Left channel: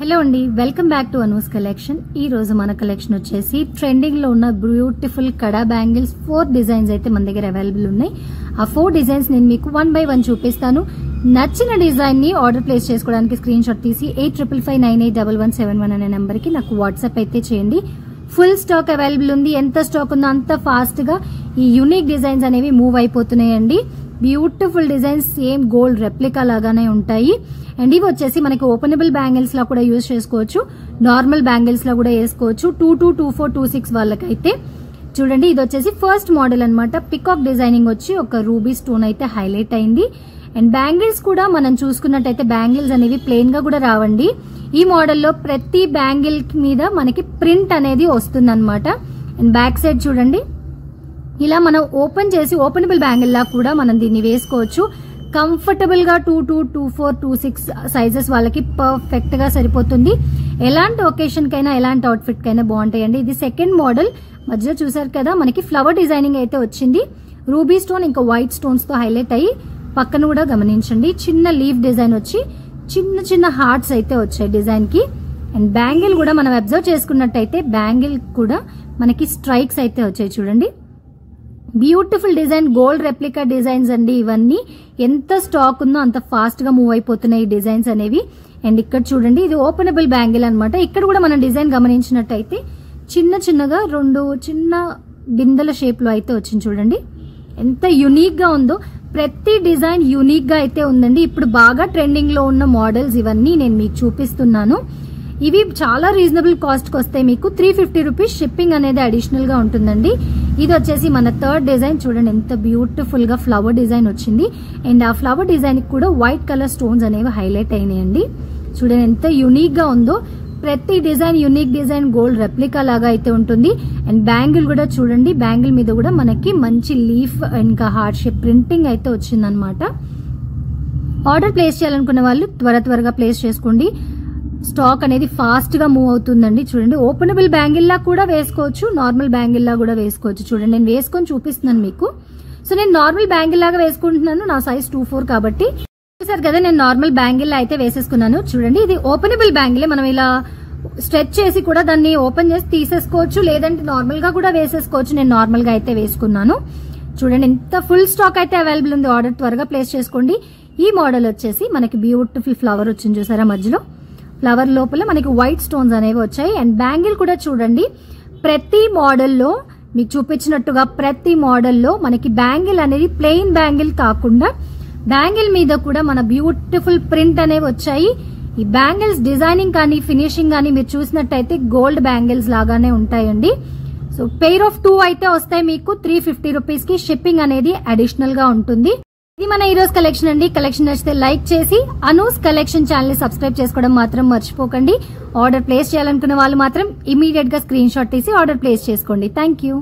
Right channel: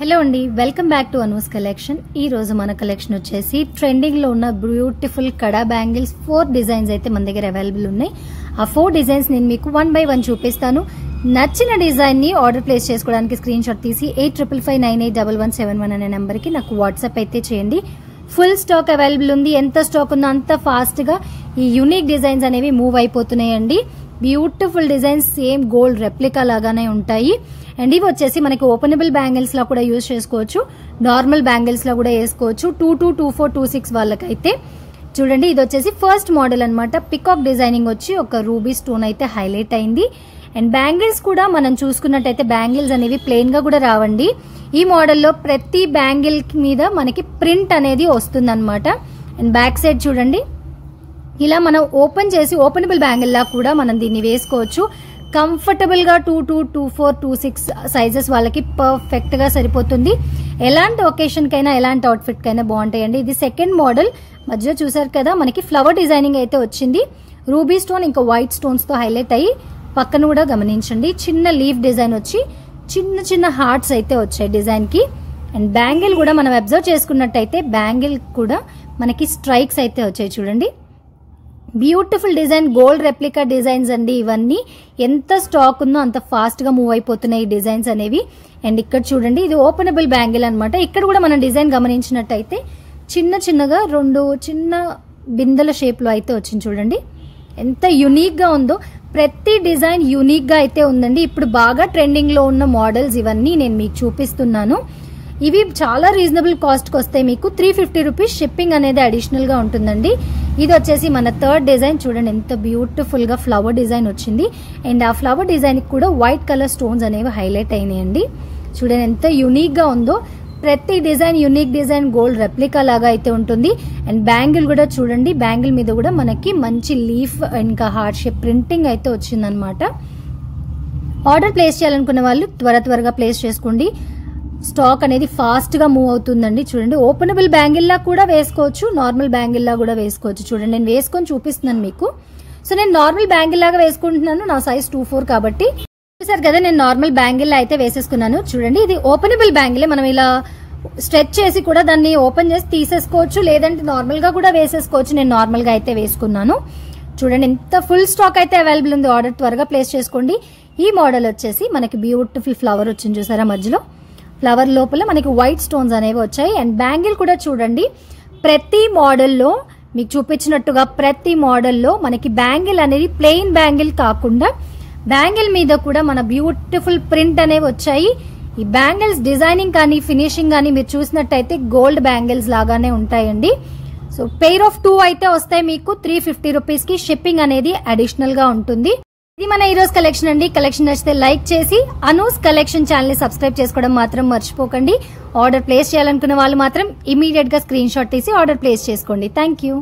Hello అండి, welcome back to Anu's collection. ఈ రోజు మన కలెక్షన్ వచ్చేసి ట్రెండింగ్ లో ఉన్న బ్యూటిఫుల్ కడా బ్యాంగిల్స్ 4 డిజైన్స్ అయితే మన దగ్గర అవైలబుల్ ఉన్నాయి. ఆ 4 డిజైన్స్ నేను మీకు 1 by 1 చూపిస్తాను. నచ్చిన డిజైన్ ని ఆర్డర్ ప్లేస్ చేసుకోవడానికి స్క్రీన్ షాట్ తీసి 8555981171 అనే నెంబర్ కి నాకు వాట్సాప్ అయితే చేయండి. ఫుల్ స్టాక్ అవైలబుల్ ఉంది. ఎంత స్టాక్ ఉందో అంత ఫాస్ట్ గా ఈ యూనిక్ డిజైన్స్ అనేవి మూవ్ అయిపోతున్నాయండి. Beautiful designs same gold replica లాగానే ఉంటాయి. అండ్ ఇవి వచ్చేసి మనకి ఓపెనబుల్ బ్యాంగిల్స్ లా కూడా యూజ్ చేసుకోవచ్చు, నార్మల్ బ్యాంగిల్స్ లా కూడా వేసుకోవచ్చు. 22, 24, 26 వాళ్ళకైతే చూడండి. ఇది వచ్చేసి ఫస్ట్ మోడల్ అన్నమాట. పికాక్ డిజైనింగ్ వచ్చి ఒక రూబీ స్టోన్ అయితే హైలైట్ అయింది. అండ్ బ్యాంగిల్స్ కూడా మనం చూసుకున్నట్టయితే బ్యాంగిల్స్ అనేవి ప్లెయిన్ గా కూడా రావండి. ఈ మోడల్లో ప్రతి బ్యాంగిల్ మీద మనకి ప్రింట్ అనేది వస్తుంది అనమాట. అండ్ బ్యాక్ సైడ్ చూడండి, ఇలా మనం ఓపెన్ చేసి ఓపెనబుల్ బ్యాంగిల్ లా కూడా మనం దీన్ని వేసుకోవచ్చు. కంఫర్టబుల్ గా 22, 24, 26 సైజెస్ వాళ్ళకి పర్ఫెక్ట్ గా సరిపోతుంది. ఎలాంటి ఒకేషన్ కైనా ఎలాంటి అవుట్ఫిట్ కైనా బాగుంటాయండి. ఇది సెకండ్ మోడల్. మధ్యలో చూసారు కదా, మనకి ఫ్లవర్ డిజైనింగ్ అయితే వచ్చింది. రూబీ స్టోన్ ఇంకా వైట్ స్టోన్స్ తో హైలైట్ అయ్యి పక్కన కూడా గమనించండి చిన్న లీఫ్ డిజైన్ వచ్చి చిన్న చిన్న హార్ట్స్ అయితే వచ్చాయి డిజైన్ కి. అండ్ బ్యాంగిల్ కూడా మనం అబ్జర్వ్ చేసుకున్నట్టయితే బ్యాంగిల్ కూడా మనకి స్ట్రైక్స్ అయితే వచ్చాయి చూడండి. Beautiful design, gold replica designs అండి. ఇవన్నీ ఎంత స్టాక్ ఉందో అంత ఫాస్ట్ గా మూవ్ అయిపోతున్నాయి ఈ డిజైన్స్ అనేవి. అండ్ ఇక్కడ చూడండి, ఇది ఓపెనబుల్ బ్యాంగిల్ అనమాట. ఇక్కడ కూడా మనం డిజైన్ గమనించినట్టయితే చిన్న చిన్నగా 2 చిన్న బిందెల షేప్ లో అయితే వచ్చింది చూడండి. ఎంత యునిక్ గా ఉందో. ప్రతి డిజైన్ యునిక్ గా అయితే ఉందండి. ఇప్పుడు బాగా ట్రెండింగ్ లో ఉన్న మోడల్స్ ఇవన్నీ నేను మీకు చూపిస్తున్నాను. ఇవి చాలా రీజనబుల్ కాస్ట్ కి వస్తాయి. మీకు 350 రూపీస్ షిప్పింగ్ అనేది అడిషనల్ గా ఉంటుందండి. ఇది వచ్చేసి మన థర్డ్ డిజైన్. చూడండి ఎంత బ్యూటిఫుల్ గా ఫ్లవర్ డిజైన్ వచ్చింది. అండ్ ఆ ఫ్లవర్ డిజైన్ కి కూడా వైట్ కలర్ స్టోన్స్ అనేవి హైలైట్ అయినాయండి. చూడండి ఎంత యునిక్ గా ఉందో. ప్రతి design unique design, gold replica లాగా అయితే ఉంటుంది. అండ్ బ్యాంగిల్ కూడా చూడండి, బ్యాంగిల్ మీద కూడా మనకి మంచి లీఫ్ ఇంకా హార్ట్ షేప్ ప్రింటింగ్ అయితే వచ్చిందనమాట. ఆర్డర్ ప్లేస్ చేయాలనుకున్న వాళ్ళు త్వరగా ప్లేస్ చేసుకోండి. స్టాక్ అనేది ఫాస్ట్ గా మూవ్ అవుతుందండి. చూడండి, ఓపెనబుల్ బ్యాంగిల్ లా కూడా వేసుకోవచ్చు, నార్మల్ బ్యాంగిల్ లా కూడా వేసుకోవచ్చు. చూడండి, నేను వేసుకొని చూపిస్తున్నాను మీకు. సో నేను నార్మల్ బ్యాంగిల్ లాగా వేసుకుంటున్నాను. నా సైజ్ 24 కాబట్టి చూసారు కదా, నేను నార్మల్ బ్యాంగిల్ అయితే వేసేసుకున్నాను. చూడండి, ఇది ఓపెనబుల్ బ్యాంగిల్. మనం ఇలా స్ట్రెచ్ చేసి కూడా దాన్ని ఓపెన్ చేసి తీసేసుకోవచ్చు, లేదంటే నార్మల్ గా కూడా వేసేసుకోవచ్చు. నేను నార్మల్ గా అయితే వేసుకున్నాను. చూడండి, ఎంత ఫుల్ స్టాక్ అయితే అవైలబుల్ ఉంది. ఆర్డర్ త్వరగా ప్లేస్ చేసుకోండి. ఈ మోడల్ వచ్చేసి మనకి బ్యూటిఫుల్ ఫ్లవర్ వచ్చింది చూసారా, మధ్యలో ఫ్లవర్ లోపల మనకి వైట్ స్టోన్స్ అనేవి వచ్చాయి. అండ్ బ్యాంగిల్ కూడా చూడండి, ప్రతి మోడల్లో మీకు చూపించినట్టుగా ప్రతి మోడల్లో మనకి బ్యాంగిల్ అనేది ప్లెయిన్ బ్యాంగిల్ కాకుండా బ్యాంగిల్ మీద కూడా మన బ్యూటిఫుల్ ప్రింట్ అనేవి వచ్చాయి. ఈ బ్యాంగిల్స్ డిజైనింగ్ కానీ ఫినిషింగ్ కానీ మీరు చూసినట్టయితే గోల్డ్ బ్యాంగిల్స్ లాగానే ఉంటాయండి. సో పెయిర్ ఆఫ్ 2 అయితే వస్తాయి మీకు 350 రూపీస్ కి. షిప్పింగ్ అనేది అడిషనల్ గా ఉంటుంది. ఇది మన ఈ రోజు కలెక్షన్ అండి. కలెక్షన్ నచ్చితే లైక్ చేసి అనూస్ కలెక్షన్ ఛానల్ ని సబ్స్క్రైబ్ చేసుకోవడం మాత్రం మర్చిపోకండి. ఆర్డర్ ప్లేస్ చేయాలనుకున్న వాళ్ళు మాత్రం ఇమీడియట్ గా స్క్రీన్ షాట్ తీసి ఆర్డర్ ప్లేస్ చేసుకోండి. Thank you.